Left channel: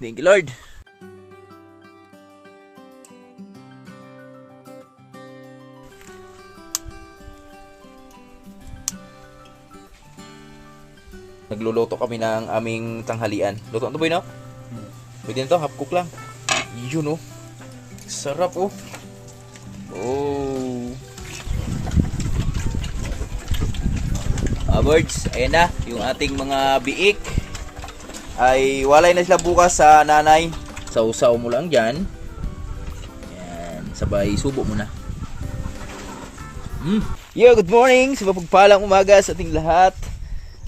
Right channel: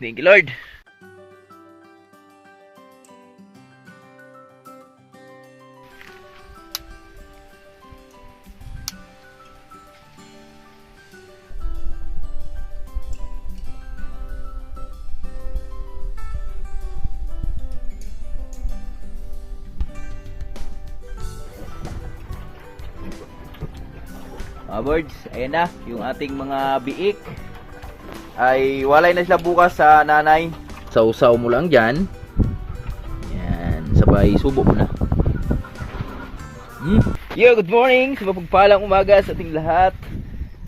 Thank you, Lord. Nagluluto kami ng aming tanghalian. Luto na to, boy, no? Pwede na to, half cook lang. Yun, oh. Sarap, oh. Oh. Birds, ayan na. Yung ating mga biik ay walay na sila bukas sa nanay. Sausaw mo lang dyan. Yan. Sabay subo mo na. Yo, good morning. Sa mapagpalang umaga sa ating lahat.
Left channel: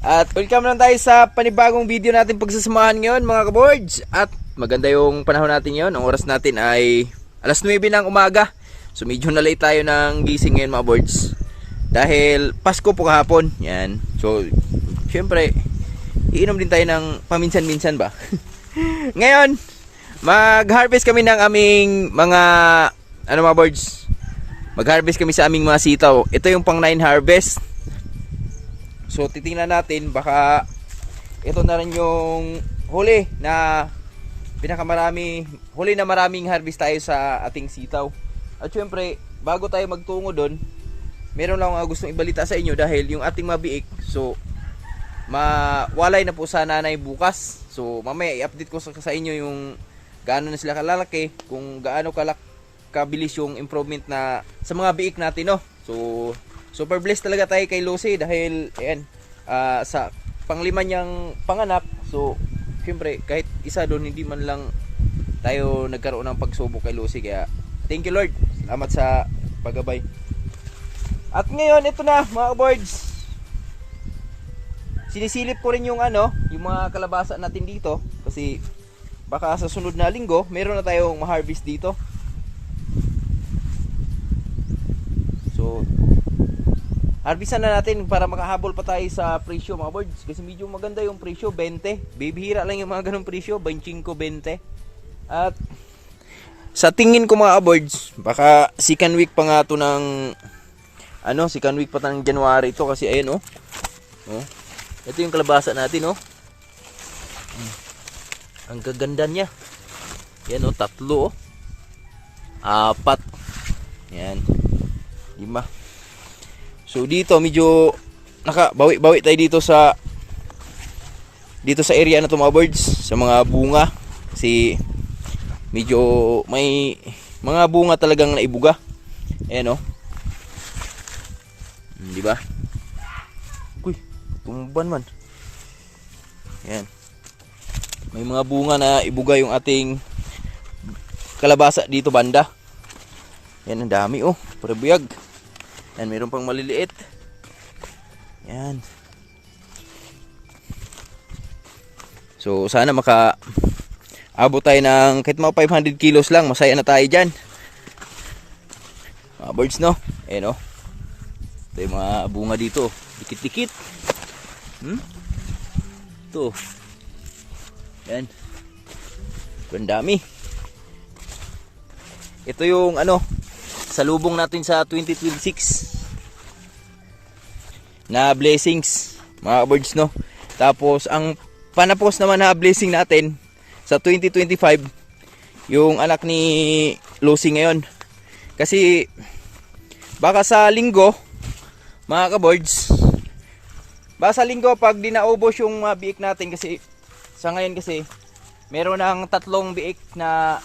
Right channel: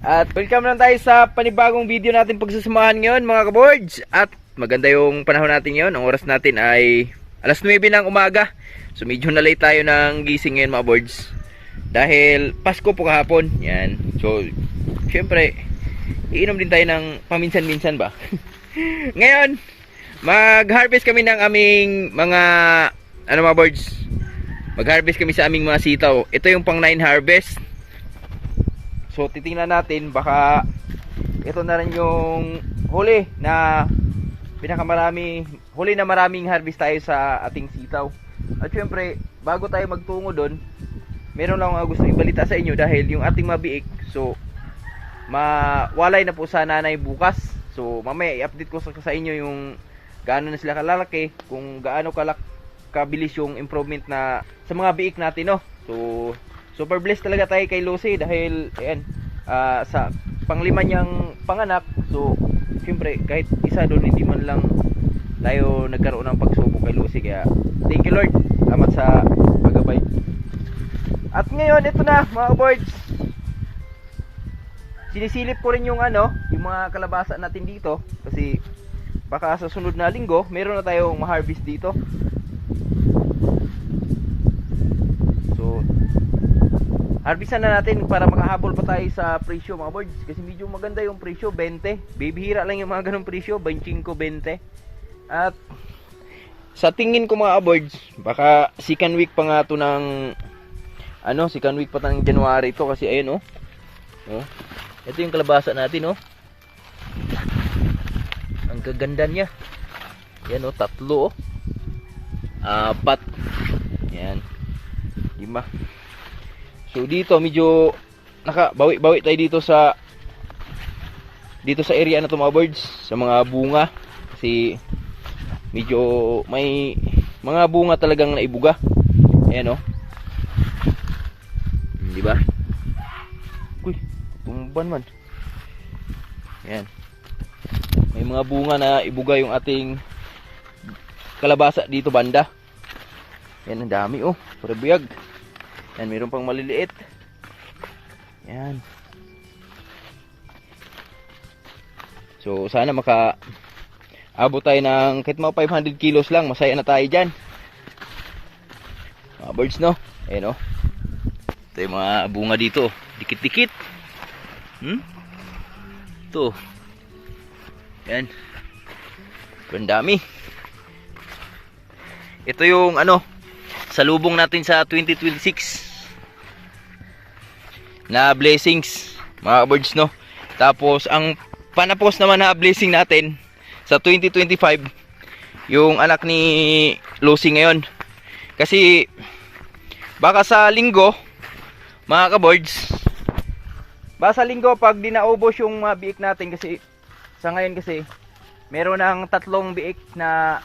At welcome lang tayo sa panibagong video natin pagsasamahan ngayon, mga kaboards. At maganda yung panahon natin ngayon. Ang oras natin ay alas 9 ng umaga. So medyo na late tayo ng gising ngayon, mga boards. Dahil Pasko po kahapon. Yan. So syempre iinom din tayo ng paminsan-minsan ba. Ngayon mag-harvest kami ng aming mga mga boards. Mag-harvest kami sa aming mga sitaw. Ito yung pang 9 harvest. So titingnan natin, baka ito na rin yung huli na huli na maraming harvest tayo sa ating sitaw. At syempre, bago tayo magtungo doon, meron lang ako gustong ibalita sa inyo dahil yung ating mabiik, so mawalay na po sa nanay bukas. So mamaya i-update ko sa inyo yung gaano na sila kalalaki, kung gaano kabilis yung improvement na sa mga biik natin, no? So super blessed talaga tayo kay Lucy dahil ayan, sa panglima niyang panganak. So syempre kahit isa doon hindi man lang tayo nagkaroon ng pagsubok kay Lucy, kaya thank you, Lord. Salamat sa paggabay. At ngayon ito na, mga boards, sinisilip ko rin yung yung mga kalabasa natin dito kasi baka sa sunod na linggo meron na tayong ma-harvest dito. So harvestan na natin para makahabol pa tayo sa presyo, mga boards, kasi medyo maganda yung presyo, 20. Bibihira lang yung mga ganong presyo, 25, 20. At sa tingin ko, mga boards, baka second week pa nga to ng second week pa ng January ito, kasi ayun, ito yung kalabasa natin, ang gaganda niya. Yan, 3, 4, yan, 5. So dito medyo nakabawi-bawi tayo dito sa area na to, mga birds, sa mga bunga, kasi medyo may mga bunga talagang naibuga. Ayan, di ba? Uy, tumban man. Ayan, may mga bunga na ibuga yung ating kalabasa dito banda. Ayan, ang dami, parabiyag. Yan, mayroon pang maliliit. Yan. So sana abot tayo ng kahit mga 500 kilos lang, masaya na tayo dyan, mga birds, no? Ayan, ito yung mga bunga dito, dikit-dikit. Ito. Yan. Ang dami. Ito yung salubong natin sa 2026 na blessings, mga birds, no? Tapos ang panapos naman na blessing natin sa 2025 yung anak ni Lucy ngayon, kasi baka sa linggo, mga ka-birds, baka sa linggo pag di naubos yung mga biik natin, kasi sa ngayon kasi meron ng 3 biik na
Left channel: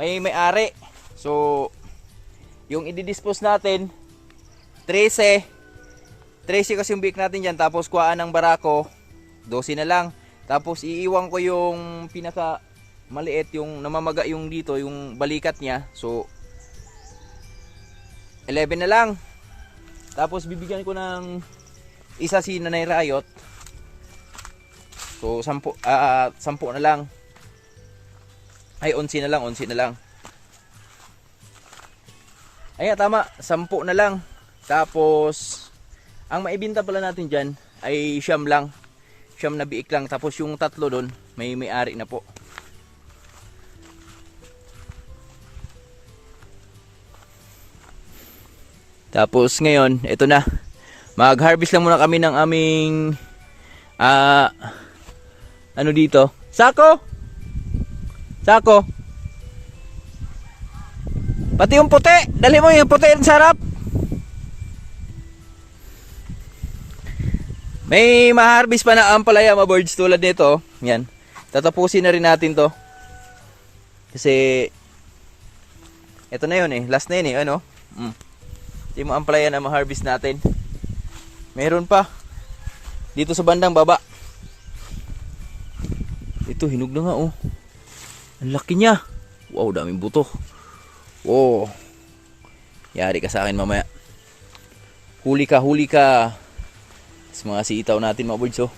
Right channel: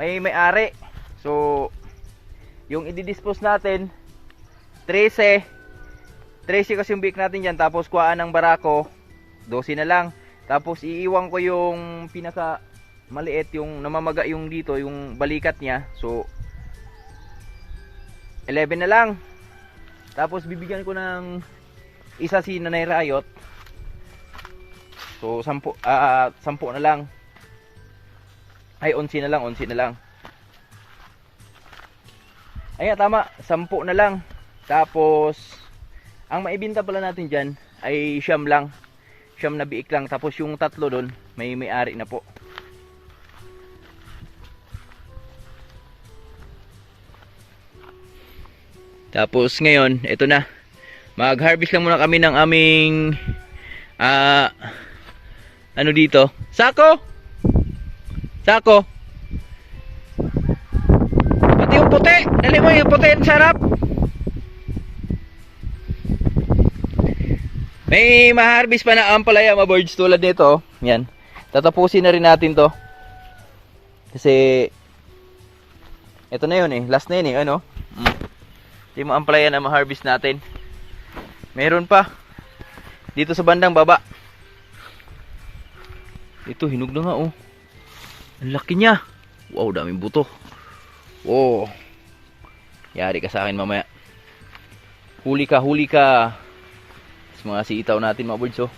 may-ari. So yung i-dispose natin 13 kasi yung biik natin dyan, tapos kuhaan ng barako 12 na lang, tapos iiwan ko yung pinaka maliit, yung namamaga yung dito, yung balikat niya, so 11 na lang. Tapos bibigyan ko ng isa si Nanay Rayot, so 10 na lang, ay 11 na lang. Ayan, tama, 10 na lang. Tapos ang maibenta pala natin dyan ay siyam na biik lang. Tapos yung 3 doon may-ari na po. Tapos ngayon, ito na, mag-harvest lang muna kami ng aming dito, sako. Sako. Pati yung puti. Dali mo yung puti. Ang sarap. May ma-harvest pa na ampalaya mga birds tulad nito. Yan. Tatapusin na rin natin to. Kasi ito na yun eh. Last na yun eh. Ano? Ito yung ampalaya na ma-harvest natin. Meron pa. Dito sa bandang baba. Ito hinog na nga oh. Ang laki niya. Wow, daming buto. Wow. Yari ka sa akin mamaya. Huli ka, huli ka. Mga sitaw natin mga birds oh.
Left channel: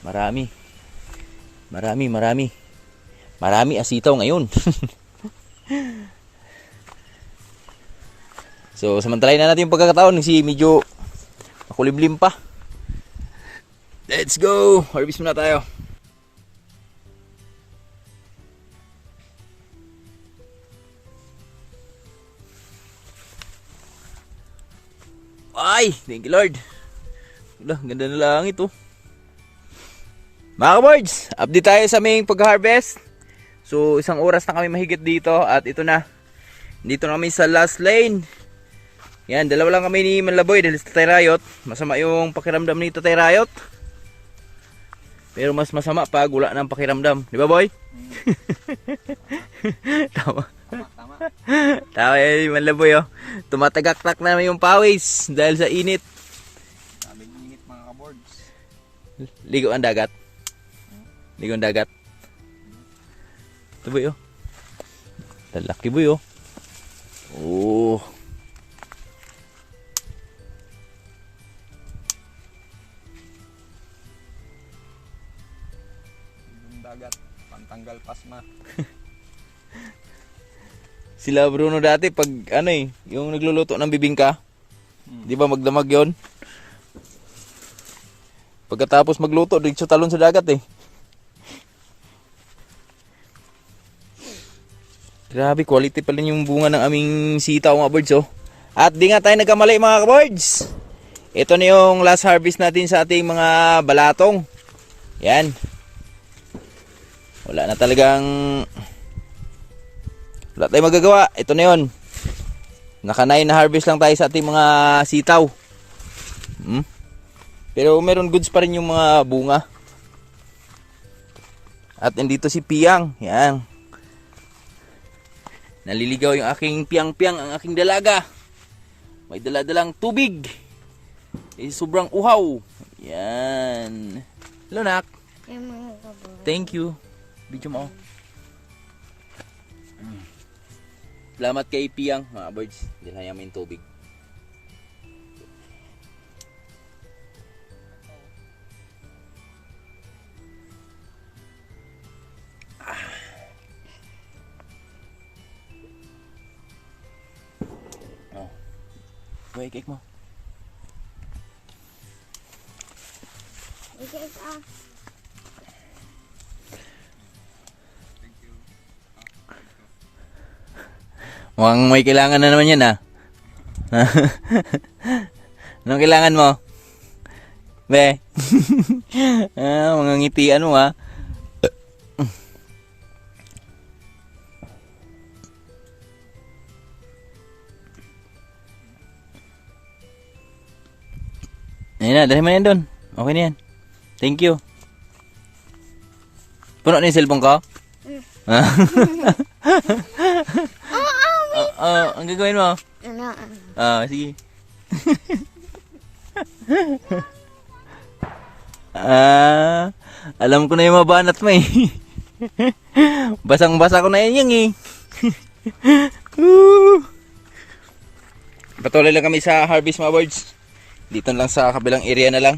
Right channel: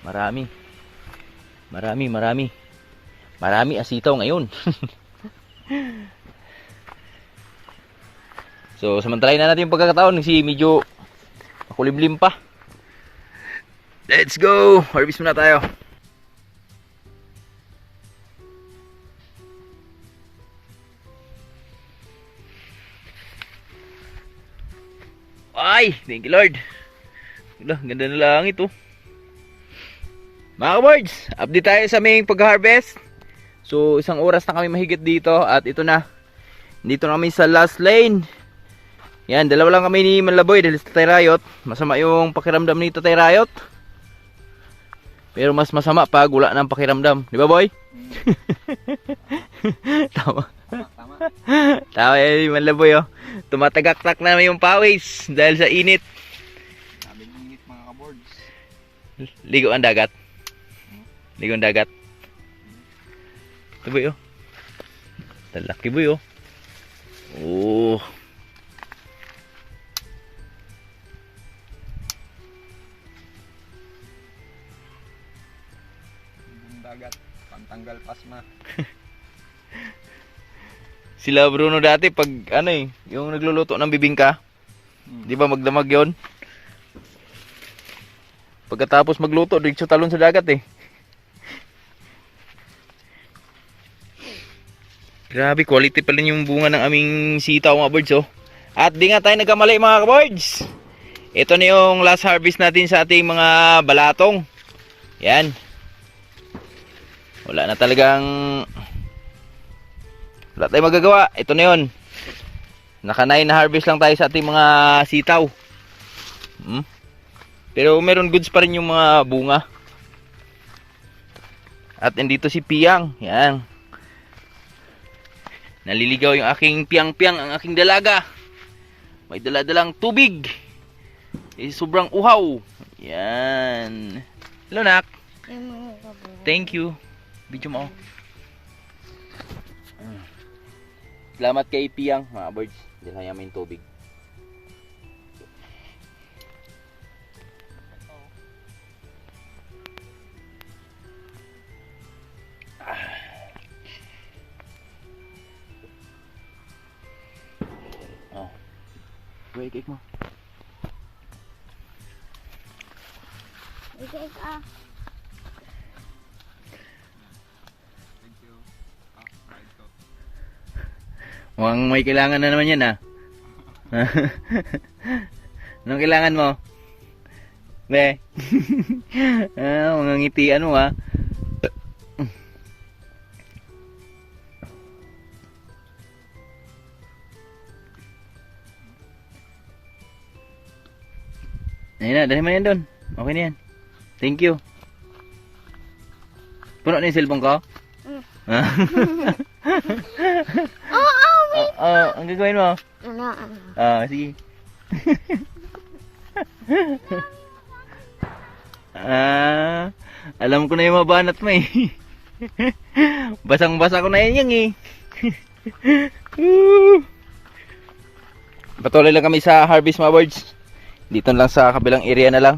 Marami. Marami asitaw ngayon. So samantalahin na natin yung pagkakataon kasi medyo makulimlim pa. Let's go. Harvest muna tayo. Ay, thank you Lord. Wala, ganda na langit oh. Mga ka-birds, update tayo sa aming pag-harvest. So, 1 oras na kami mahigit dito at ito na. Dito na kami sa last lane. Yan, dalawa lang kami ni Manlaboy dahil sa Tatay Rayot. Masama yung pakiramdam ni Tatay Rayot. Pero mas masama pag wala ng pakiramdam. Di ba boy? Tama. Tama yan yung Manlaboy oh. Tumatagak-tak na yung pawis dahil sa init. Sabi ng init mga ka-boards. Ligo ang dagat. Ligo ang dagat. Ito boy oh. Talaki boy oh. Oh. Yung dagat, pantanggal pasma. Sila Bruno dati pag ano eh, yung nagluluto ng bibingka. Di ba magdamag yon? Pagkatapos magluto, diretso talon sa dagat eh. Grabe, quality pa rin yung bunga ng aming sitaw mga birds oh. At di nga tayo nagkamali mga ka-birds. Ito na yung last harvest natin sa ating mga balatong. Yan. Wala na talagang... Wala tayong magagawa. Ito na yun. Naka 9 na harvest lang tayo sa ating mga sitaw. Pero meron goods pa rin yung mga bunga. At nandito si Piang. Yan. Naliligaw yung aking piang-piang, ang aking dalaga. May dala-dalang tubig. Sobrang uhaw. Yan. Hello, nak. Thank you. Video mo. Salamat kay Piang, mga birds. Dala namin tubig. Oh. Wait, cake mo. Mukhang may kailangan na naman yan ah. Anong kailangan mo? Be? Mga ngitian mo ah. Ayun na, dahil mo na yan doon. Okay na yan. Thank you. Puno na yung cellphone ko? Ang gagawin mo? Sige. Alam ko na yung mabanat mo eh. Basang-basa ko na yan eh. Patuloy lang kami sa harvest mga birds. Dito lang sa kabilang area na lang.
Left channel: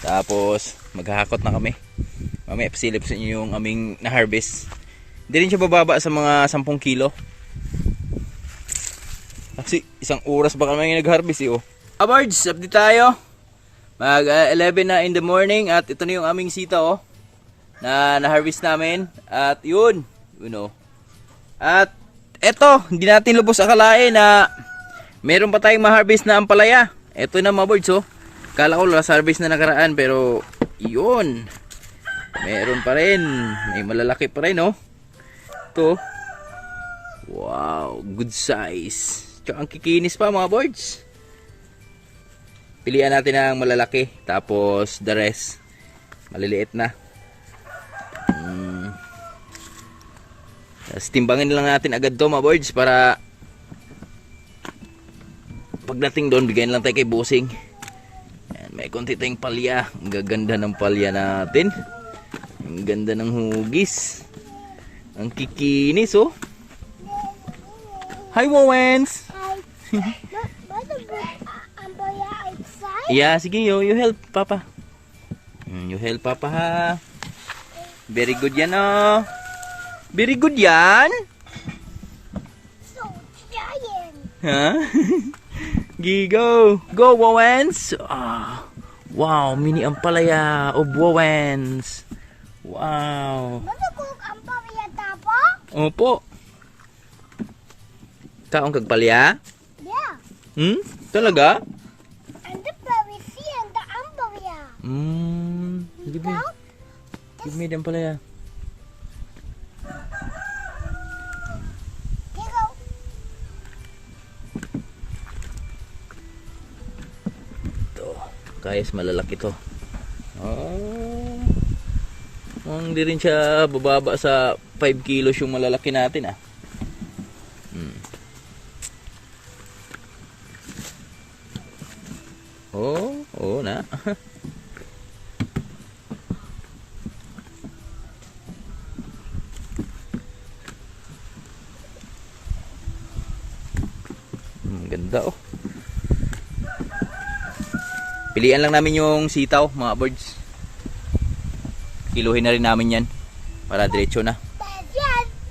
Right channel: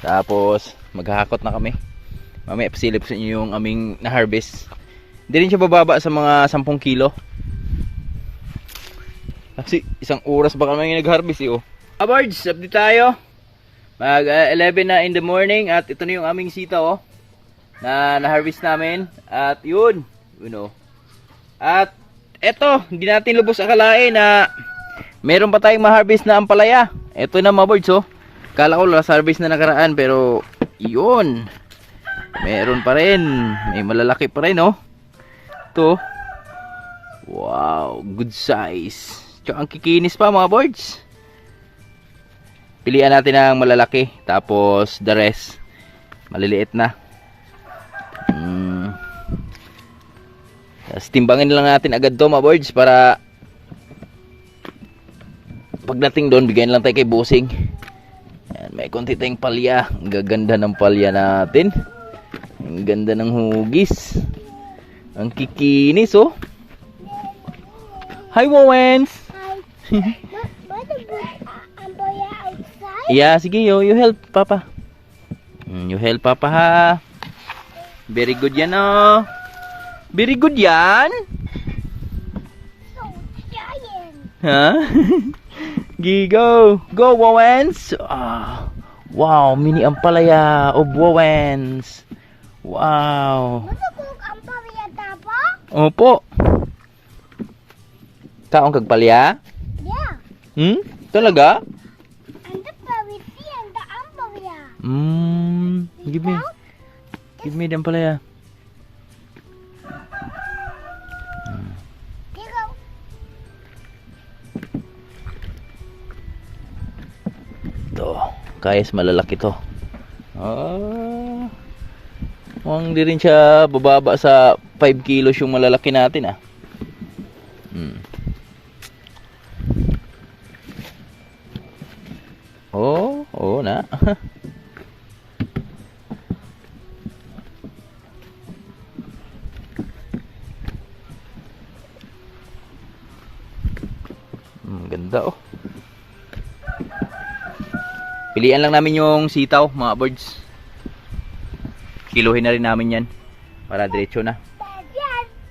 Tapos maghahakot na kami. Mamaya pasilip sa inyo yung aming na-harvest. Hindi rin siya bababa sa mga 10 kilo. Kasi 1 oras ba kami nag-harvest eh oh. Birds, update tayo. Mag 11 na in the morning at ito na yung aming sitaw oh. Na-harvest namin. At yun, you know. At eto, hindi natin lubos akalain na meron pa tayong ma-harvest na ampalaya. Ito na mga birds oh. Kala ko last harvest na nakaraan pero yun. Meron pa rin. May malalaki pa rin, oh. Ito. Wow, good size. Tsaka ang kikinis pa, mga birds. Pilihan natin ang malalaki. Tapos, the rest, maliliit na. Tapos, timbangin lang natin agad to, mga birds, para pagdating doon, bigyan lang tayo kay Bossing. Yan, may konti tayong palya. Ang gaganda ng palya natin. Ang ganda ng hugis. Ang kikinis, oh. Hi, Wowens! Hi. What a good umbrella outside? Yeah, sige, you help, Papa. You help, Papa, ha? Very good yan, oh. Very good yan. So giant. Ha? Go. Go, Wowens. Ah, wow, mini ampalaya of Wowens. Wow. What a good umbrella, Papa? Opo. Kaong kagpalya? Yeah. Talaga? And the berry see and the umbrella. Give me the ampalaya. Go. Ito, kayas malalaki to. Ah, mukhang di rin siya bababa sa 5 kilos yung malalaki natin, ah. Oo na. Ganda, oh. Pilian lang namin yung sitaw, mga birds. Kiluhin na rin namin yan para diretso na. Dad,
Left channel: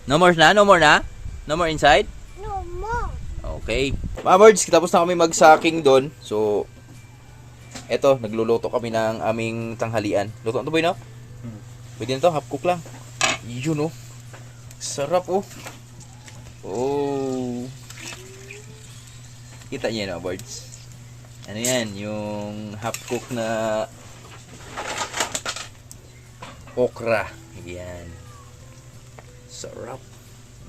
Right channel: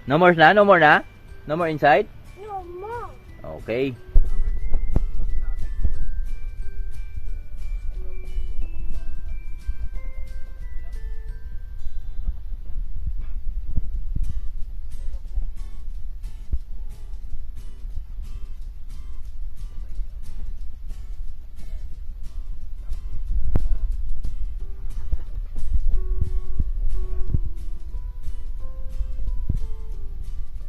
No more na? No more na? No more inside? no more. Okay. Mga birds, tapos na kami mag-sacking doon. So, eto, nagluluto kami ng aming tanghalian. Luto na to, boy, no? Pwede na to, half cook lang. Yun, oh. Sarap, oh. Oh. Kita niyo yan, mga birds. Ano yan? Yung half cook na okra. Yan. Sarap.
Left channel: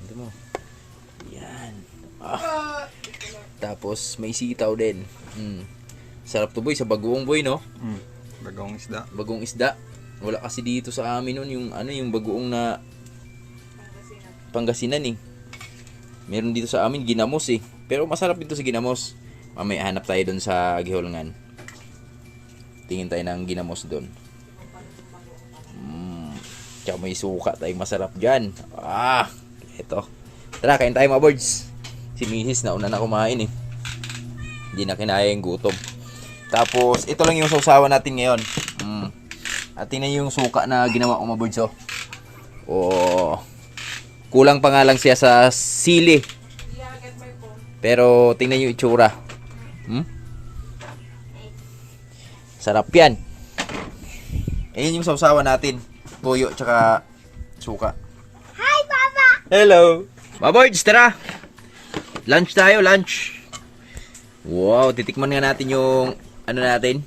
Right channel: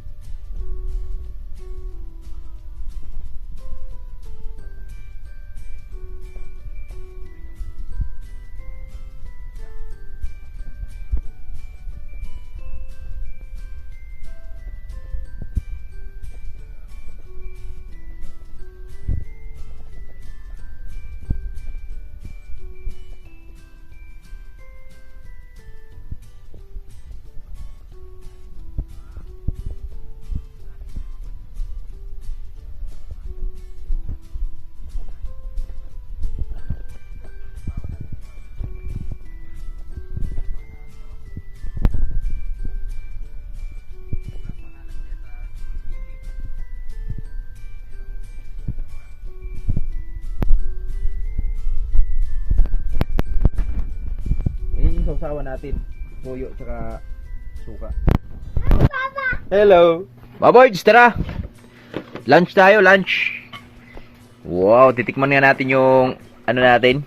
Hindi mo. Yan. Ah. Tapos, may sitaw din. Sarap to, boy, sa bagoong, boy, no? Bagong isda. Bagong isda. Wala kasi dito sa amin nun yung yung bagoong na Pangasinan, eh. Meron dito sa amin ginamos, eh. Pero masarap dito sa ginamos. Mamaya hanap tayo doon sa Gihulngan. Tingin tayo ng ginamos doon. Tsaka may suka tayong masarap dyan. Ah, eto. Tara, kain tayo, mga birds. Si Mrs. na una na kumain, eh. Hindi na kinaya yung gutom. Tapos, ito lang yung sausawan natin ngayon. At tingnan yung suka na ginawa ko, mga birds, oh. Oh. Kulang pa nga lang siya sa sili. Pero, tingnan yung itsura. Sarap yan. Ayan yung sausawan natin. Toyo, tsaka suka. Hi, Papa. Hello. Mga birds, tara. Lunch tayo, lunch. Wow, titikman nga natin yung natin.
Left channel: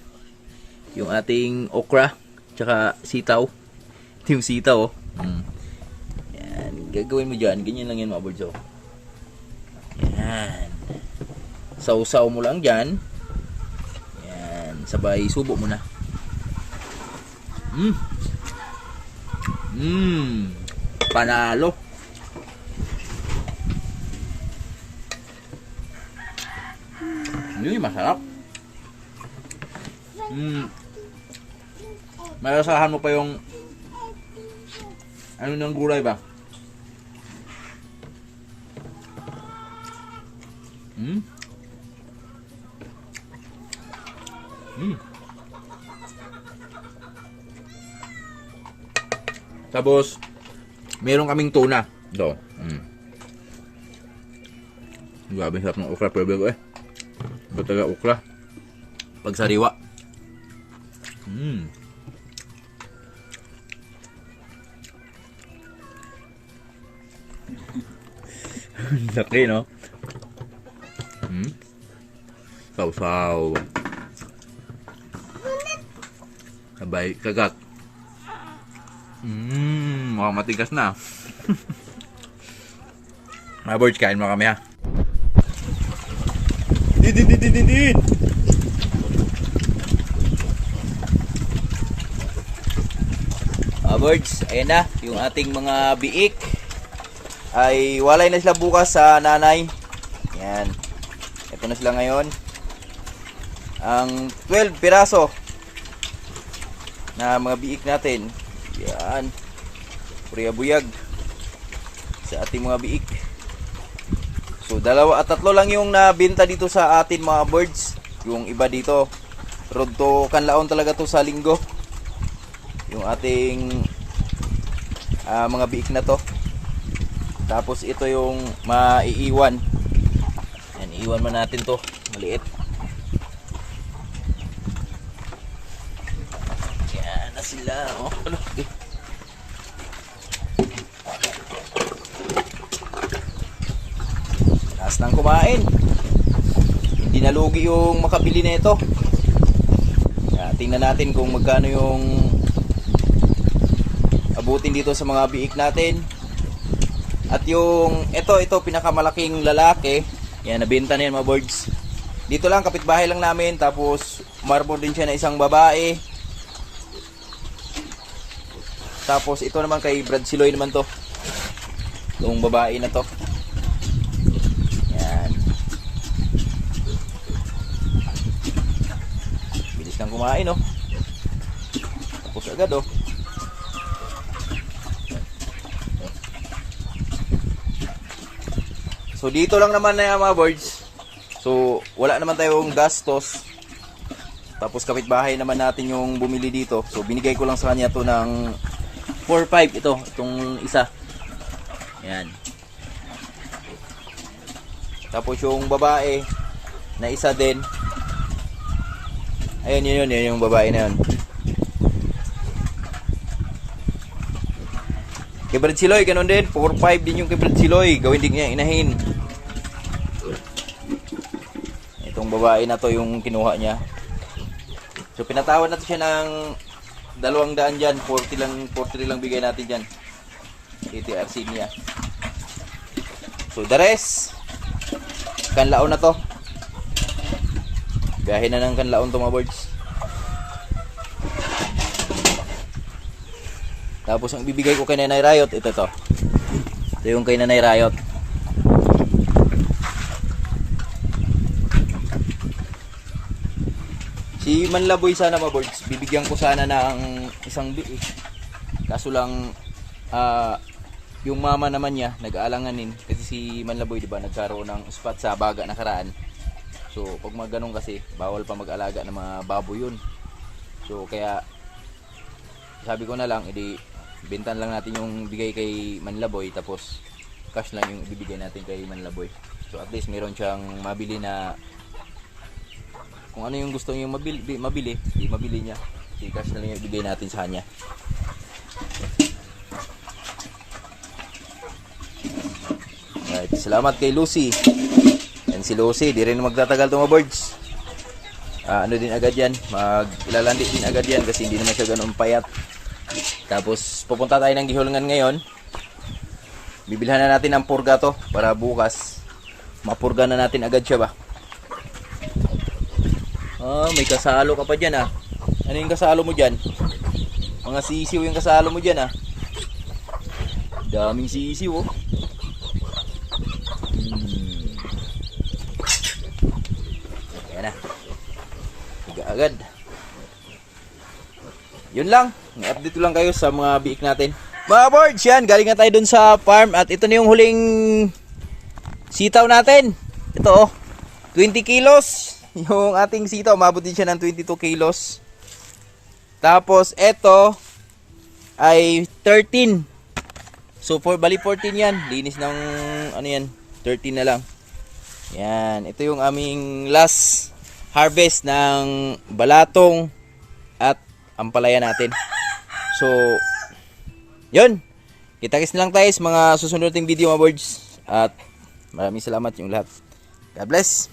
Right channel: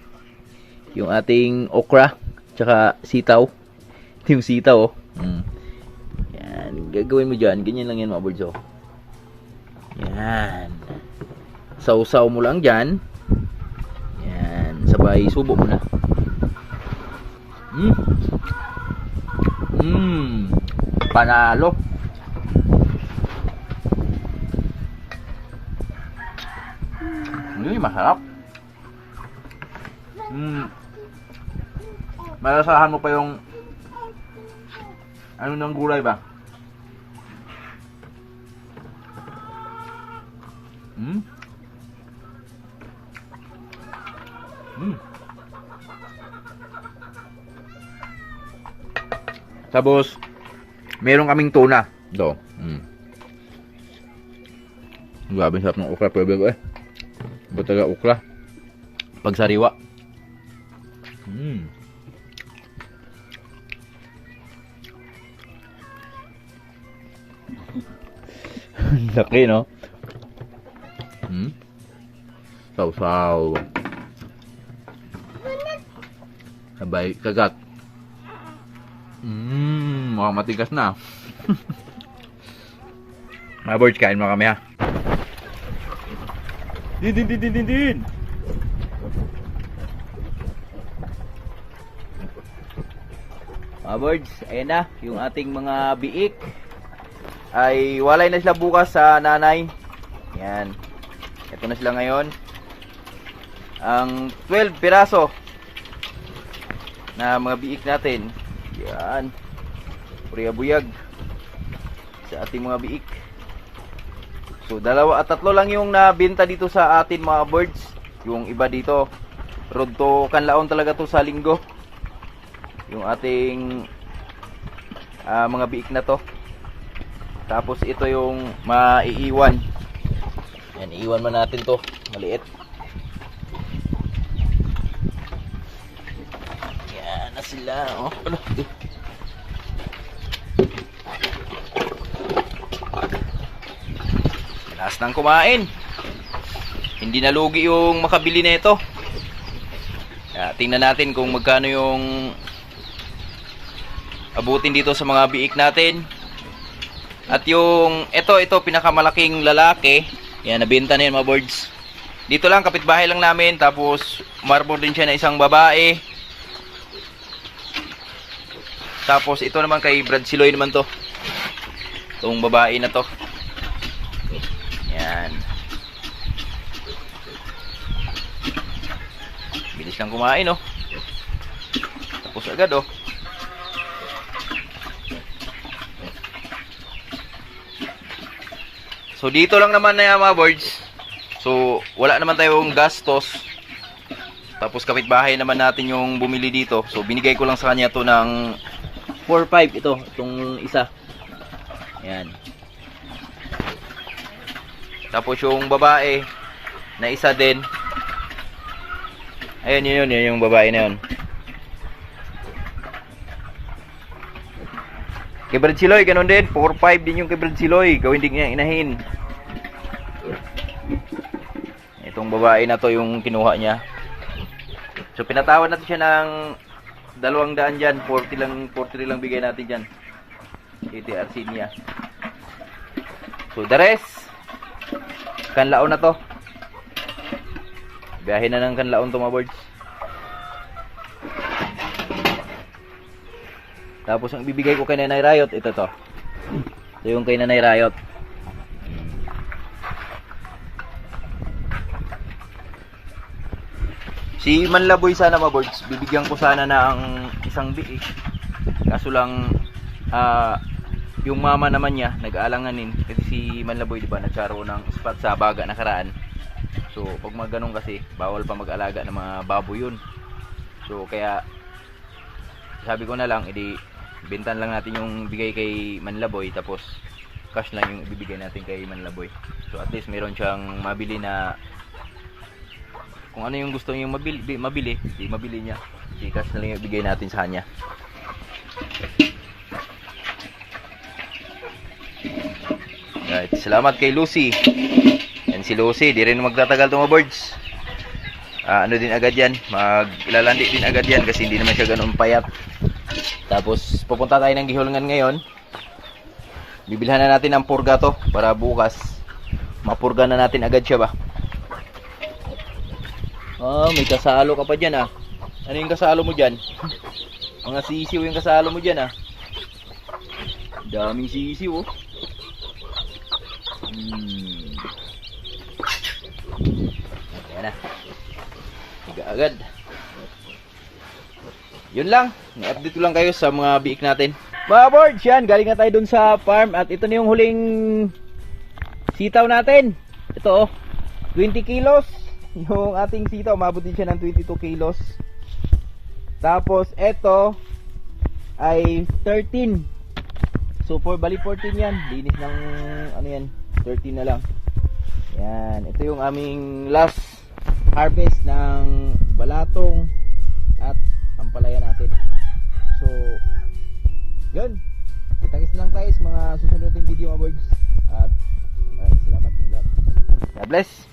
Yung ating okra, tsaka sitaw. Yung sitaw, oh. Yan, gagawin mo dyan. Ganyan lang yan, mga birds, oh. Yan. Sausaw mo lang dyan. Yan, sabay subo mo na. Panalo. Ini masarap. Malasahan mo pa yung ano ng gulay ba? Tapos meron kaming tuna. Do. Grabe sarap ng okra, pero eh. Ba talaga okra? Pag sariwa. Laki, no? Saw-saw. Sabay kagat. Mukhang matigas na. Mga birds, kain mo kami ha. Did. Mga birds, ayan na, yung ating mga biik ay walay na sila bukas sa nanay. Yan. Ito na sila ngayon. Ang 12 piraso na mga biik natin. Yan. Puriyabuyag sa ating mga biik. So, 2 at 3 lang yung nabenta dito sa atin mga birds. Yung iba dito, road to Kanlaon talaga to sa linggo. Yung ating mga biik na to. Tapos ito yung maiiwan. Yan, iiwan man natin to. Maliit. Yan na sila. Oh, ano? Last nang kumain. Hindi nalugi yung makabili na ito. Tingnan natin kung magkano yung abutin dito sa mga biik natin. At yung ito pinakamalaking lalaki, yan, nabenta na yan mga birds. Dito lang, kapitbahay lang namin. Tapos marbor din siya na isang babae. Tapos ito naman kay Brad Siloy naman to, itong babae na to. Yan, bilis lang kumain oh. Tapos agad oh. So dito lang naman na mga birds. So wala naman tayong gastos. Tapos kapitbahay naman natin yung bumili dito. So binigay ko lang sa kanya to ng 4-5 itong isa. Yan. Tapos yung babae na isa din. Ayan yun yung babae na yun. Kay Brad Siloy, ganun din. 4-5 din yung kay Brad Siloy. Gawin din niya inahin. Itong babae na to yung kinuha niya. So pinatawad natin siya ng 200 dyan. 40 lang bigay natin dyan. TTRC niya. So the rest, Kanlaon na to. Biyahe na ng Kanlaon to mga birds. Tapos ang ibibigay ko kay Nanay Riot, ito to. Ito yung kay Nanay Riot. Si Manlaboy sana mga birds, bibigyan ko sana ng isang biik. Kaso lang yung mama naman niya nag-aalanganin kasi si Manlaboy, di ba, nagkaroon ng spot sa baga nakaraan. So pag mga ganun kasi bawal pa mag-alaga ng mga baboy yun. So kaya sabi ko na lang, edi bintan lang natin yung bigay kay Manlaboy, tapos cash lang yung ibibigay natin kay Manlaboy. So at least meron siyang mabili na, kung ano yung gusto niya mabili, di mabili niya. Di cash na lang yung ibigay natin sa kanya. Right, salamat kay Lucy. Yan si Lucy, di rin magtatagal to mga birds. Ano din agad yan, mag-ilalandi din agad yan kasi hindi naman siya ganun payat. Tapos pupunta tayo ng Gihulngan ngayon. Bibilhan na natin ng purga to para bukas mapurga na natin agad siya ba. May kasalo ka pa dyan ah. Ano yung kasalo mo dyan? Mga sisiw yung kasalo mo dyan ah. Daming sisiw oh. Ayan na, agad. Yun lang, i-update ko lang kayo sa mga biik natin. Mga birds, yan, galing na tayo dun sa farm. At ito na yung huling sitaw natin. Ito oh, 20 kilos yung ating sitaw, umabot din siya ng 22 kilos. Tapos ito ay 13. So bali 14 yan, linis ng ano yan, 13 na lang. Yan, ito yung aming last harvest ng balatong at ampalaya natin. So yun, kita-kits na lang tayo sa mga susunod nating video mga birds. At maraming salamat yung lahat. God bless.